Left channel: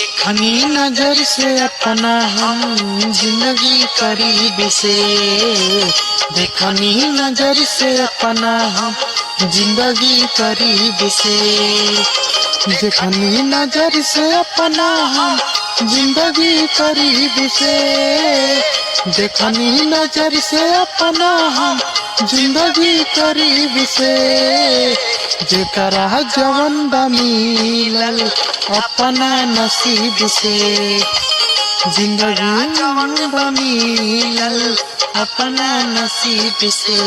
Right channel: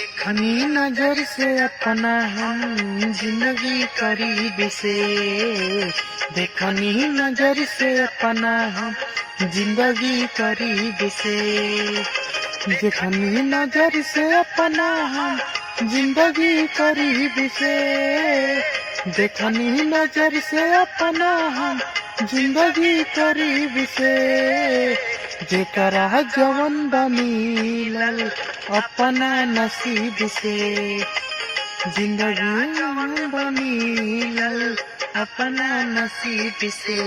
देखनी नजर से अपना हम जिंदगी करीब से, देखनी नजर से अपना हम जिंदगी करीब से, देखनी नजर से अपना हम जिंदगी करीब से, देखनी नजर से अपना हम जिंदगी करीब से, जेकरा जवन बा मिलल अपना नसीब से, जिंदगी जवन बा मिलल अपना नसीब से।